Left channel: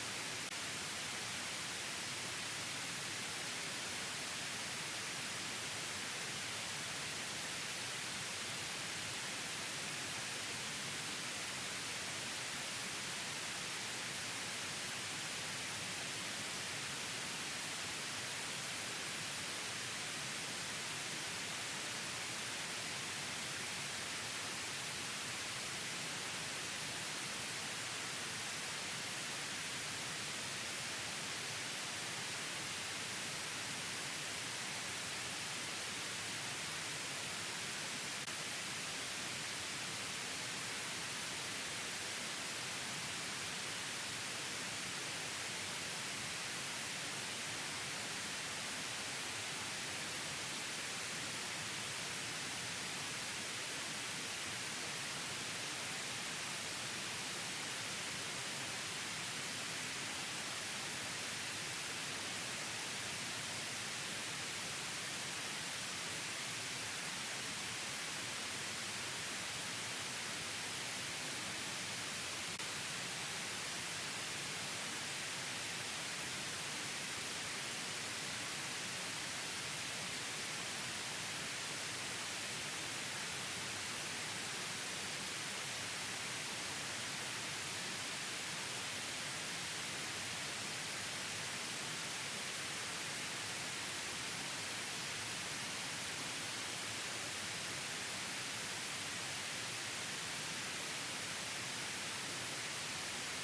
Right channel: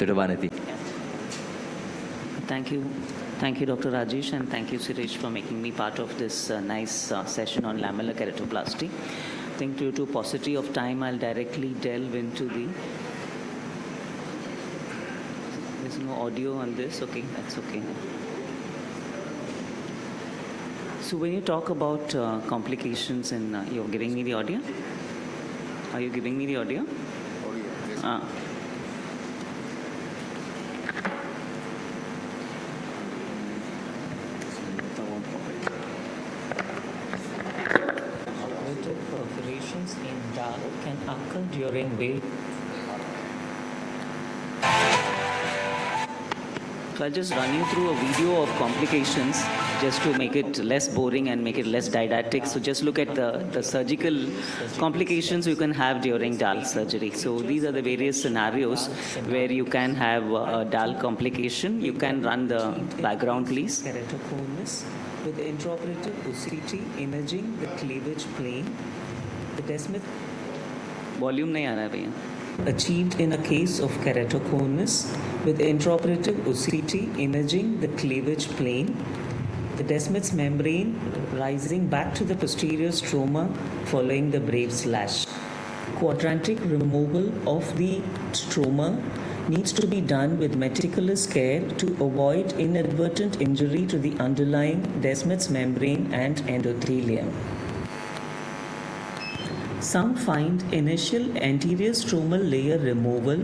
Dr. Vanathi. Thank you. Thank you, Dr. Rajesh, and thank you, Suresh, for making me part of this nice session on lamellar keratoplasty. I think due to paucity of time, I'll directly delve into the... There's no audio on this. Okay, that's okay. So when you talk about complications in... you're giving me the audio? Are you giving me the audio? Audio. Perforations in DALK can occur during wave. So I'll just run you through a video of complications just to make it less boring and make it less didactic. So just look at the surgical complications you can have during DALK surgery. So these are the various scenarios where you can have a DALK complication. You can run the background, please. Keratoconus with the intraoperative OCT imaging the cleavage plane. The descent volume nahi aa raha hai bhaiya. Achieved in a case of keratoconus with intraoperative OCT imaging the cleavage plane. The Descemet's membrane rising back to the posterior stroma following the brave slash. Quadrantic removal of the stroma needs to be done with meticulous care to avoid inadvertent injury to the underlying Descemet's membrane and endothelium. Some find initial anterior stromal layer removal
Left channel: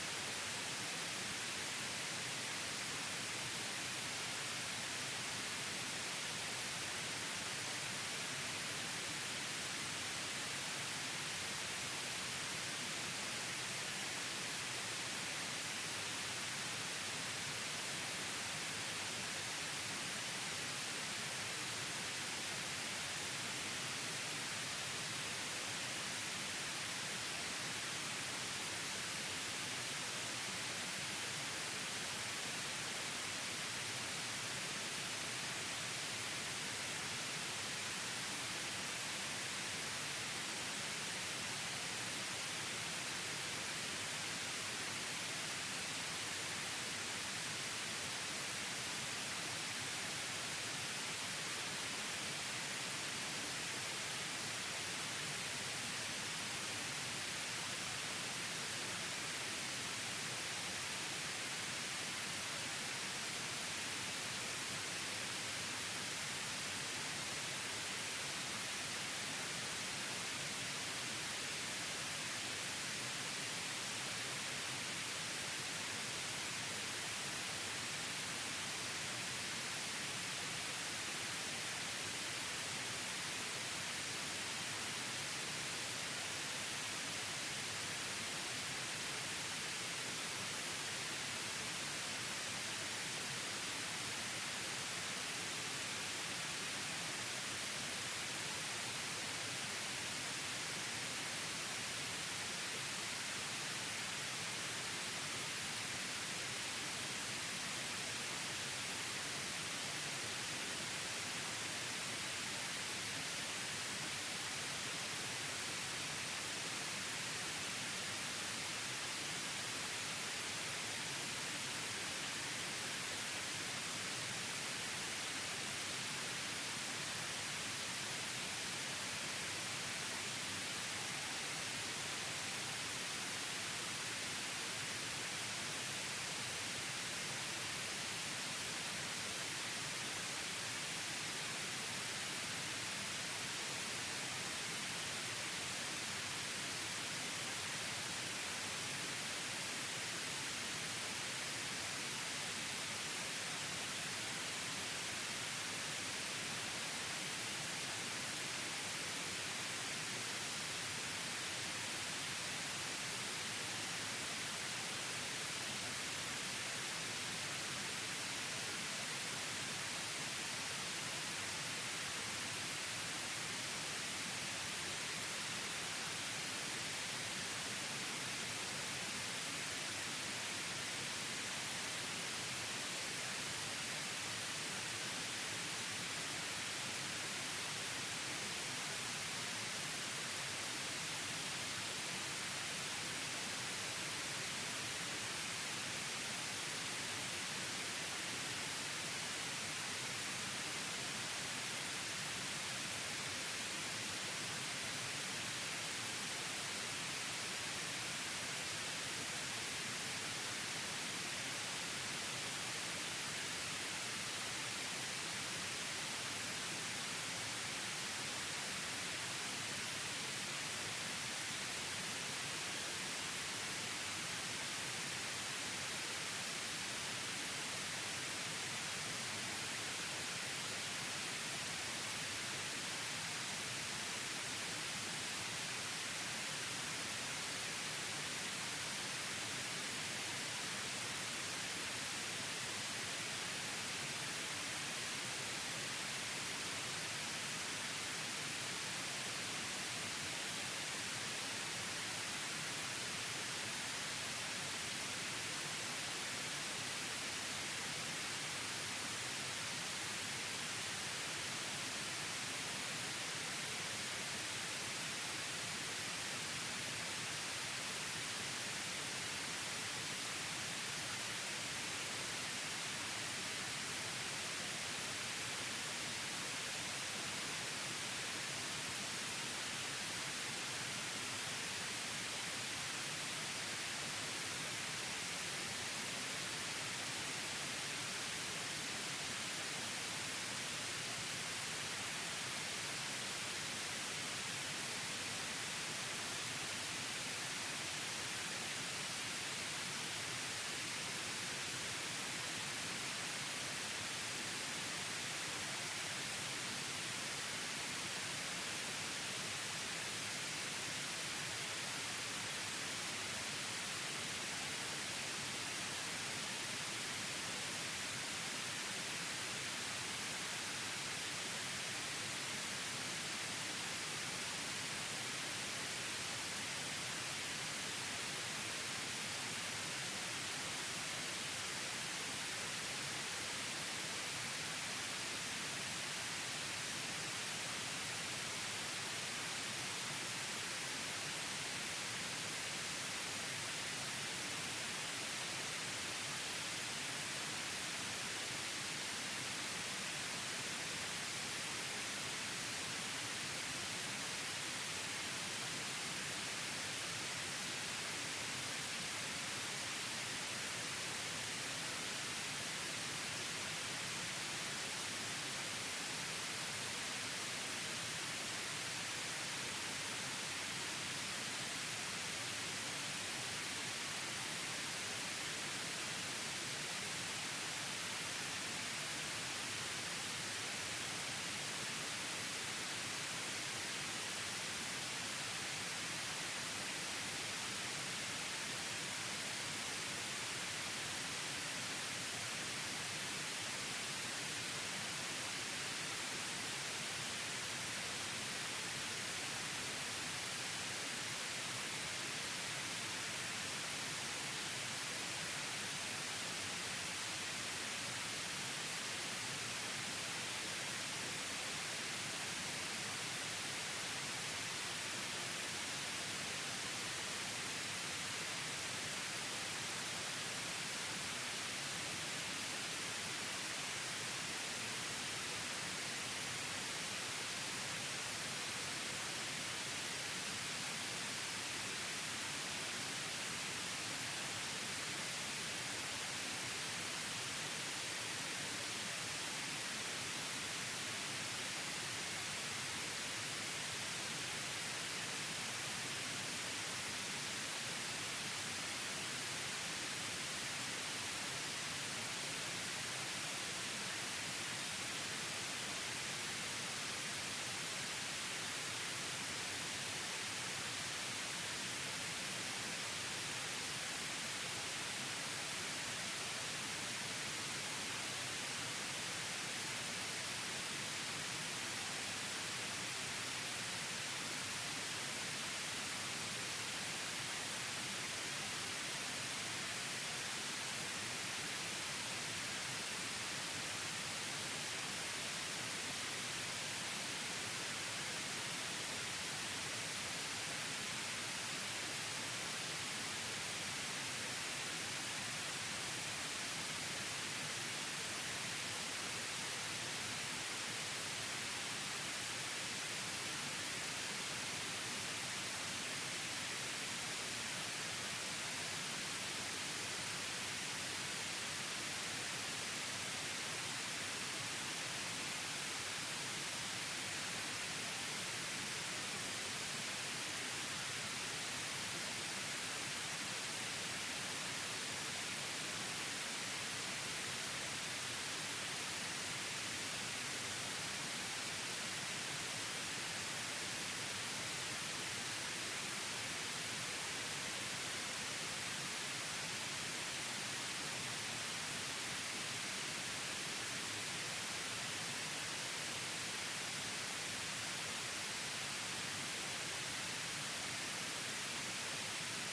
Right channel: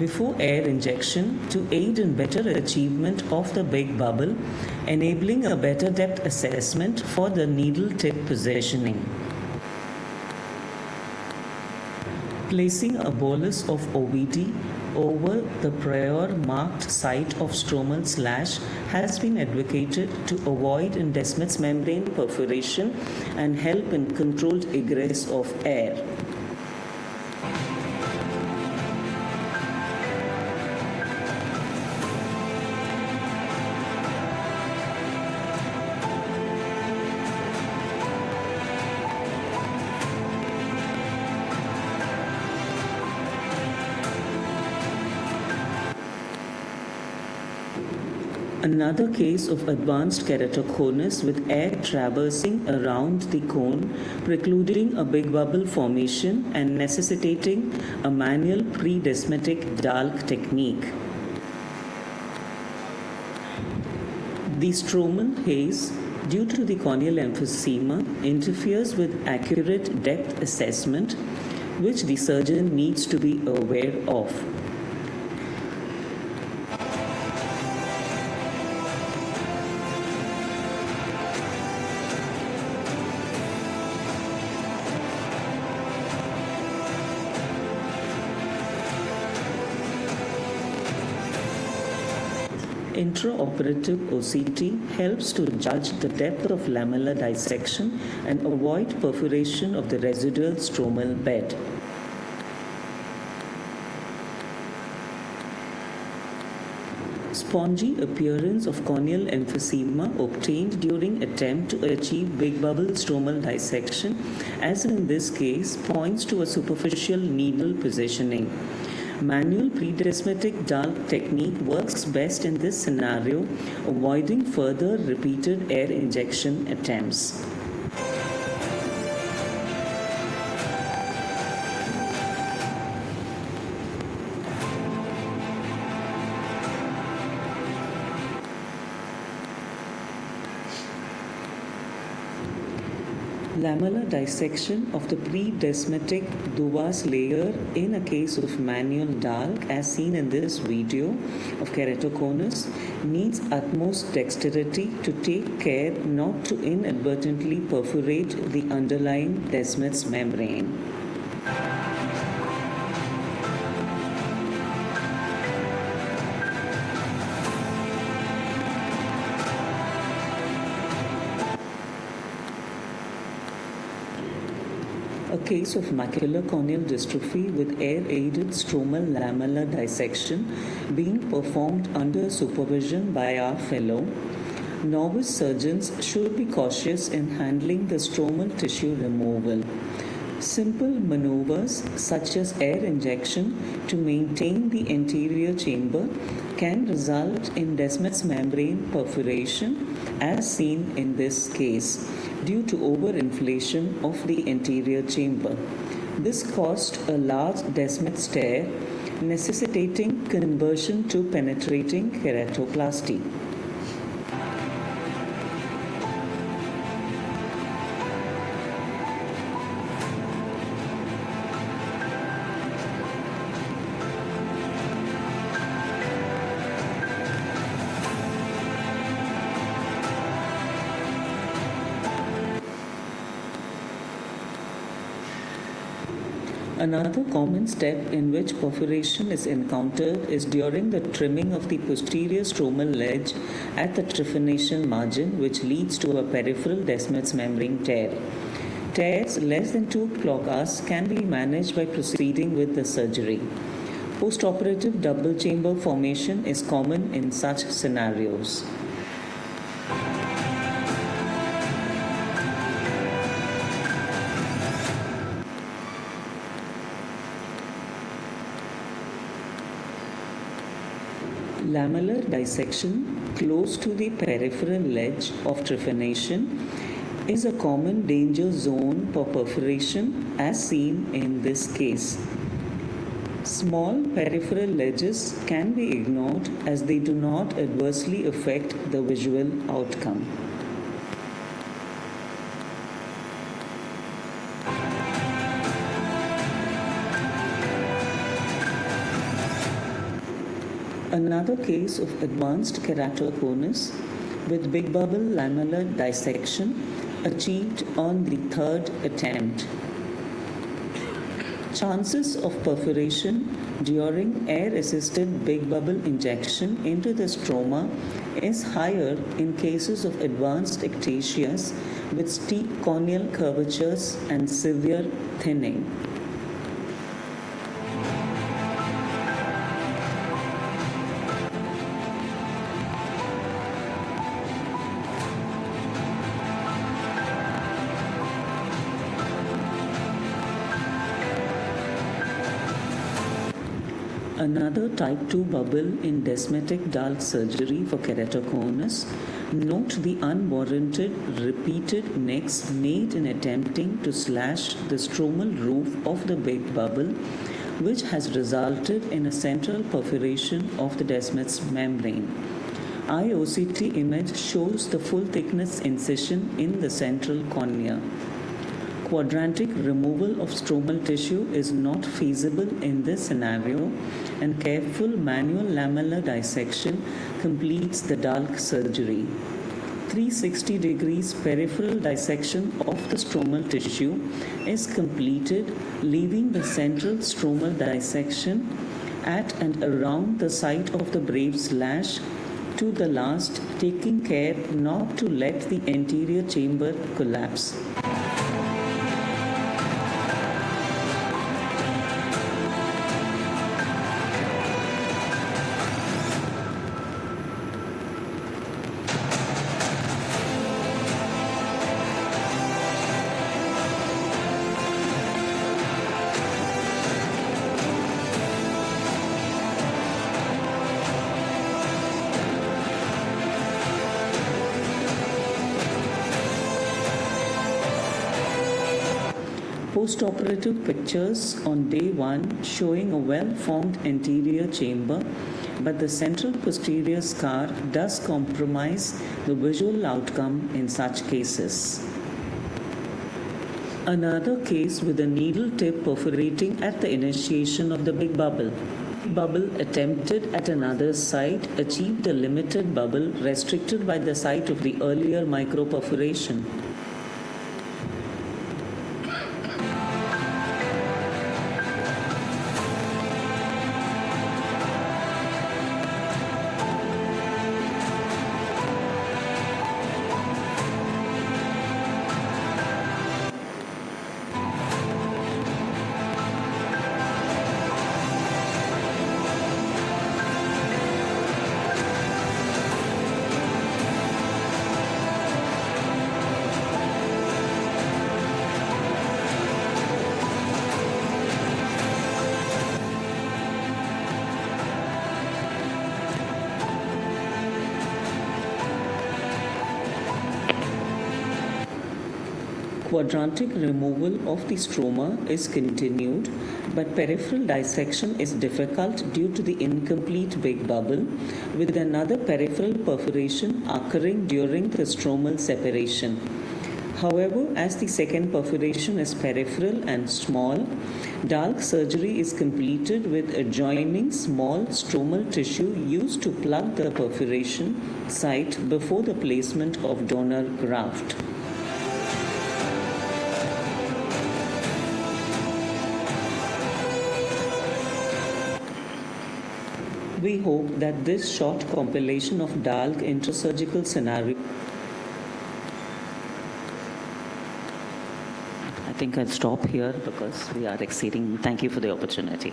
before air injection to aid in better achievement of the big bubble, enabling a better depth assessment for the needle tip positioning. Placing a bolus of OVD over the prior marked site of stromal slash has been advocated to avoid in Descemet's membrane perforation and help in controlled egress of air. Another case of advanced keratoconus with air traversing around the cone, precluding a big bubble formation and necessitating a manual pre-descemetic DALK technique. The stromal haze, due to the corneal emphysema, interferes with accurate depth assessment, which the surgeon needs to be aware of. Intraoperative OCT helps to judge the depth of lamellar dissection and avoid perforation of the residual stromal bed. Spongy appearance of corneal emphysema obtained during attempt to achieve big bubble stromal dissection, as in this case, points to a superficial needle positioning. Manual pre-descemetic DALK technique works best in this scenario, avoiding further repeated air injection attempts. Lamellar dissection of the pre-descemetic Duvas layer in a case of manual DALK, as seen in this video of keratoconus, needs utmost dexterity to take care not to inadvertently perforate the underlying Descemet's membrane. A case of macular corneal dystrophy with air-aided stromal lamellar dissection being performed under supervision by our fellow. Novice surgeons should be cautious in handling the stromal tissue removal. Simple maneuvers such as air injection to maintain the anterior chamber can result in Descemet's membrane perforation as seen in this case due to overinflation of the anterior chamber. This caused a large Descemet's tear, necessitating conversion to penetrating keratoplasty. Another common step in which perforation is encountered is during the trimming of the posterior stromal ledge at the trephination margin, which leads to a peripheral Descemet's membrane tear. Tears less than 2 clokas can be managed by proceeding with the surgery. Postoperative double chamber formation is common in such scenarios. Lamellar dissection close to the peripheral ledge of trephination is a common danger zone for perforation as seen in this case. Small peripheral ledges can be ignored as they do not adversely affect the visual outcome. Another case of advanced keratoconus with big bubble lamellar dissection achieved on the third attempt. Chances of perforation during air-assisted big bubble injection into the stroma is higher in cases of advanced ectasias with steep corneal curvatures and severe thinning. Another type 2 bubble in descemetic DALK surgery for keratoconus. Note the unwarranted repeated nicks made in attempting to slash the stromal roof of the big bubble, which has resulted in a central perforation of the descemet's membrane. AIOC2024 image shows the full thickness incision in the central cornea. Quadrantic removal of stromal tissue is not feasible in this scenario, and careful manual lamellar dissection completes the DALK surgery. 360 degrees peripheral dissection of the stromal tissue is completed, leaving the central stromal dissection at and around the site of the brave slash to the last, taking care not to let the anterior chamber collapse. Postoperative pictures on day 1 showing a well-formed anterior chamber, but the central posterior scar does compromise the visual outcome in such cases. Another case with a needle tip perforating at the initiation of the big bubble. Bubble attempted at another site achieved a limited bubble restricted by the site of the earlier microperforation. Quadrantic removal of the stroma is continued, but peripheral dissection is difficult due to the incomplete big bubble, with another peripheral perforation occurring during the stromal separation. However, as the second perforation is peripheral and small, DALK surgery is completed with adjoining small stromal tissue used to plug the perforation site before the placement of donor graft. We hope that this short compilation of DALK intrasurgical scenario. I think I'll stop here because we are exceeding. Thank you for the opportunity.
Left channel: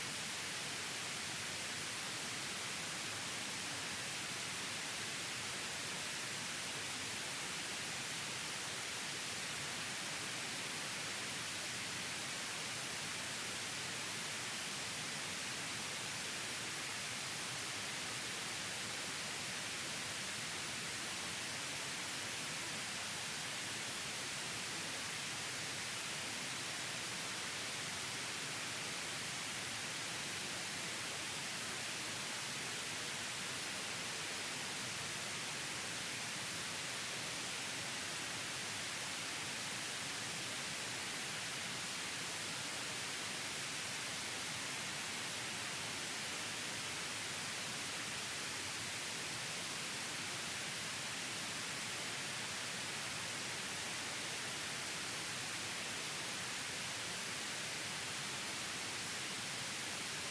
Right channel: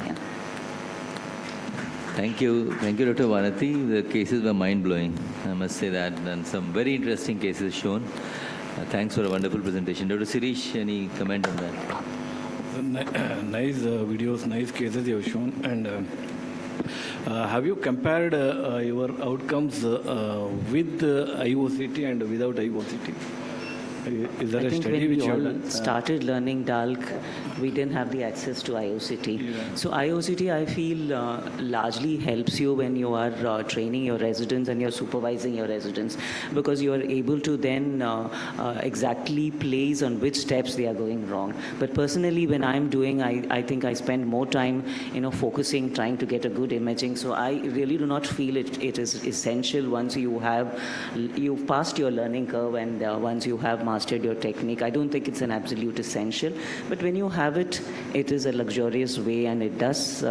Thank you, Dr. Vanathi. The cases were mind-blowing, I must say that, and some very interesting cases shown. Thanks for a wonderful presentation. Dr. Sirish, any comment on that? Nice videos, nice cases you have shown. And have you compared your outcomes with AIOCT and without AIOCT? Is there I a think study when which we you all have done? started learning DALK, we didn't have the access to AIOCT. Yeah. So AIOCT, I feel, largely helps you when you are training your residents and you're supervising your residents, because you are able to then exactly place on which steps they are going wrong. But personally, when I'm doing, I think I spend more time, focusing, trying to get a good imaging. So I really do not feel it is essential once you passed your learning curve and once you have mastered your technique. I don't think it's an absolute essential. But when you have it, it is a luxurious way, and it does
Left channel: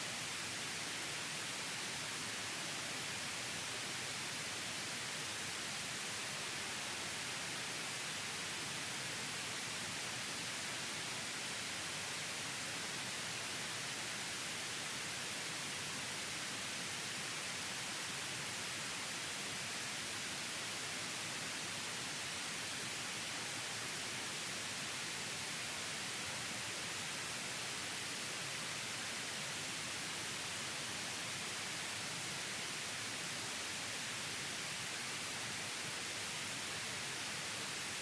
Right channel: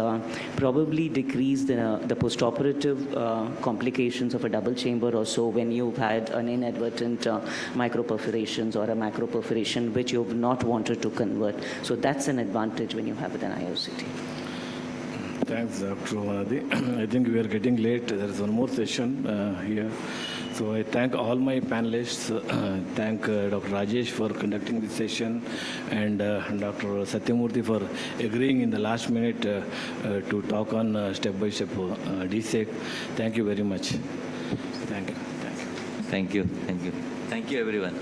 probably decrease the postoperative complications of a double chamber or so when you've had an inadvertent microperforations or a macroperforation which you've not wanted to convert. So that's an advantage when you have it in IOCT. Thanks, Dr. Vanathi. I think we are getting late. There is one more session here. So I thank all my panelists. Thank Dr. Rajesh for conducting this session, and Dr. Satyamurthy for agreeing in the last minute to talk on step-by-step DSET. Thank you very much. Thank you. Thank you. Thank you. Thank you, everyone.